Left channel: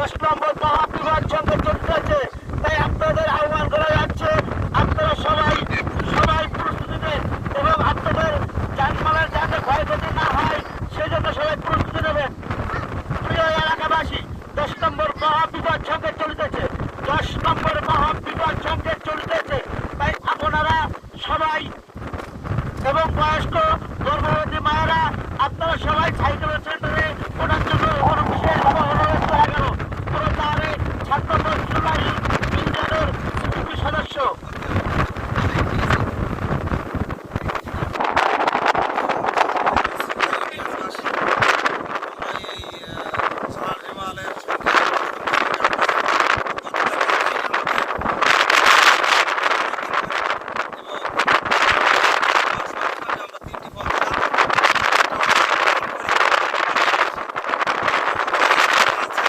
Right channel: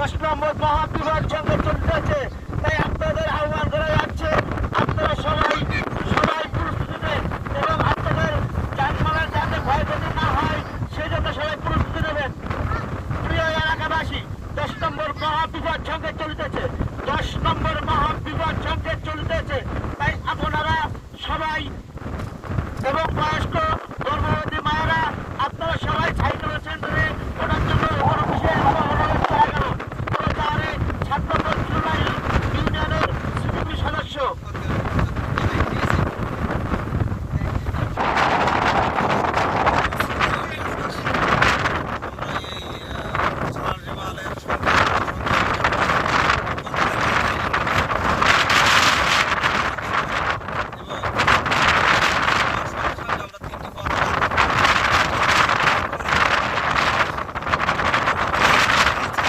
10 নম্বর মহাবিপদ সঙ্গে চলতেছে। তাই আপনাদের আহ্বান করা যাচ্ছে, আপনারা সবাই প্রস্তুতি নেবেন এবং আপনাদের যানমালের যাতে ক্ষয়ক্ষতি না হয় সেজন্য সবাই প্রস্তুতি নেবেন। প্রিয় এলাকাবাসী, 10 নম্বর মহাবিপদ সঙ্গে চলতেছে। 10 নম্বর